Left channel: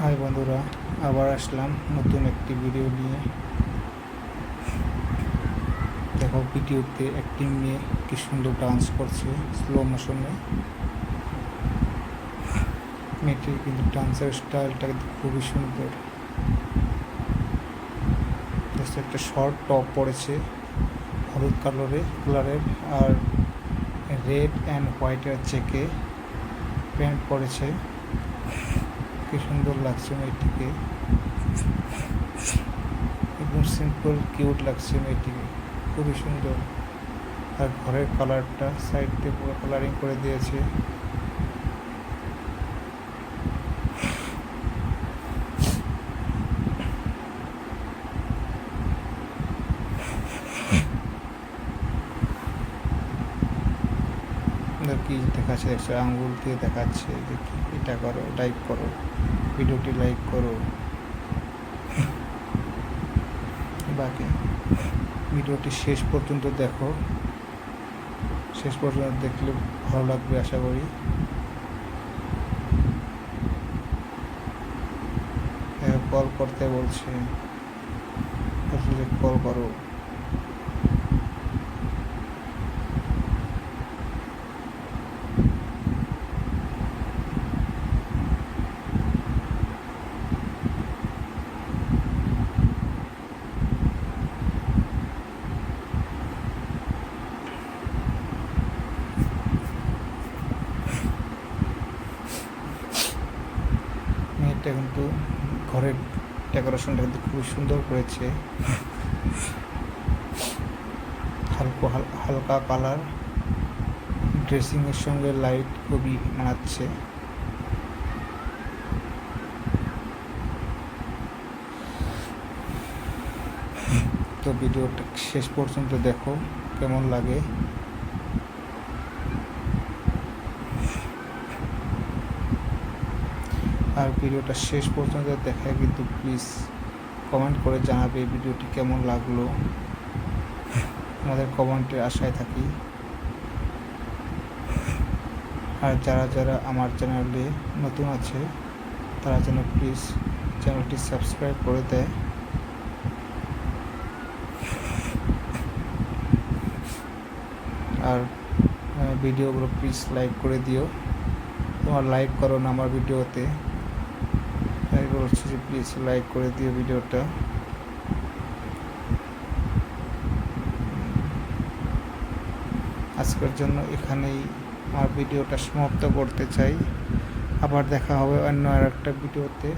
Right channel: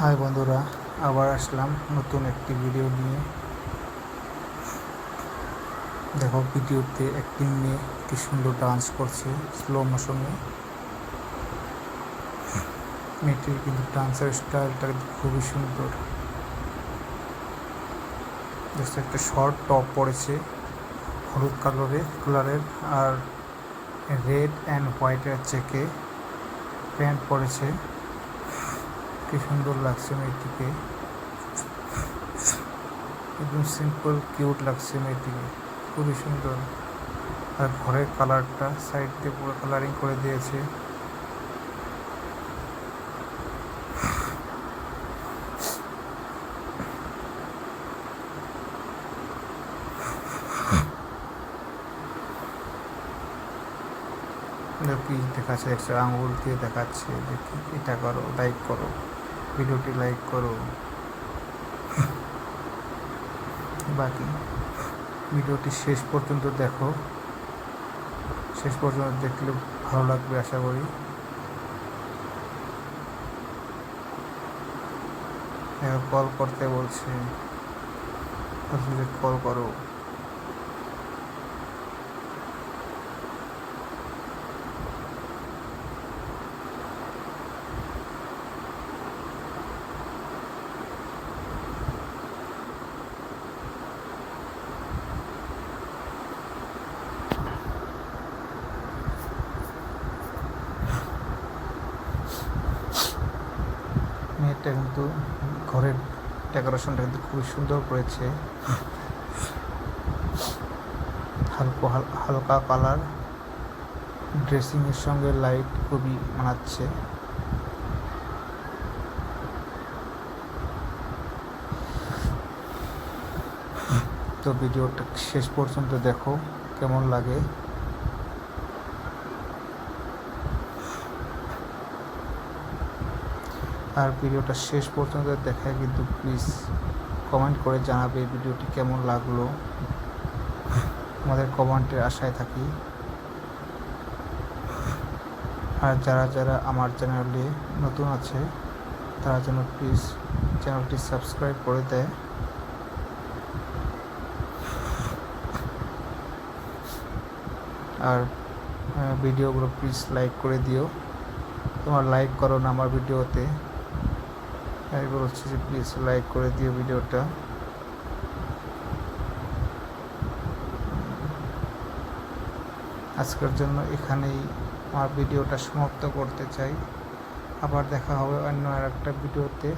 High বন্ধুরা, আবার আসলাম নতুন একটি ভিডিও নিয়ে। দেখো, ভিডিওতে একটি মেয়ে কি সুন্দর ডান্স করছে স্লো মোশনে। মেয়েটির কিন্তু ডান্সের স্টাইলটা খুবই সুন্দর। একটা শর্ট টপ পরেছে হলুদ কালারের আর রেড অ্যান্ড হোয়াইটের চেকে প্যান্ট পরেছে। কি সুন্দর লাগছে মেয়েটিকে, একদম সিম্পল কিউট লাগছে মেয়েটিকে, খুবই সুন্দর। আর ঘরের কালারটা সাইড দিয়ে পুরো কালারিং করে দিয়েছে। কি দেখাচ্ছে, দেখছো আঙুল দিয়ে দেখাচ্ছে যে এটা করো, লাইক করো, ভিডিওটি লাইক করো। বাকি ভিডিওটি শেষ পর্যন্ত দেখো, শেষ পর্যন্ত দেখলে ভালো লাগবে আশা করি। কল করতে বলছে, আসলে কল করো। মেয়েটা কিন্তু ঘরের ডেকোরেশনটা কিন্তু খুবই সুন্দর করেছে। হালকা কালার ড্রেসিংয়ের সঙ্গে লাইট খুবই মানাচ্ছে। তো ভিডিওটা শেষ পর্যন্ত দেখো, কেমন লাগে। আর ভিডিওটা শেষ পর্যন্ত দেখায় কিন্তু প্লিজ কমেন্ট করে জানাবে ভিডিওটি কেমন লাগলো। আমাদের কমেন্টের আশায় থাকি। আর যারা আমার চ্যানেলে নতুন আছে তারা যেন প্লিজ চ্যানেলটি সাবস্ক্রাইব করে দেয়। আর ভিডিওগুলো প্লিজ লাইক করে দিও। তোমার লাইক করো না আমার ভিডিওতে, আমি বলছি যে প্লিজ লাইক করে দিও ভিডিওটা। আজকের জন্য এখানেই আমার ভিডিওটা সমাপ্ত করতে চাই। আবার দেখা হবে অন্য আরেকটা ভিডিওতে।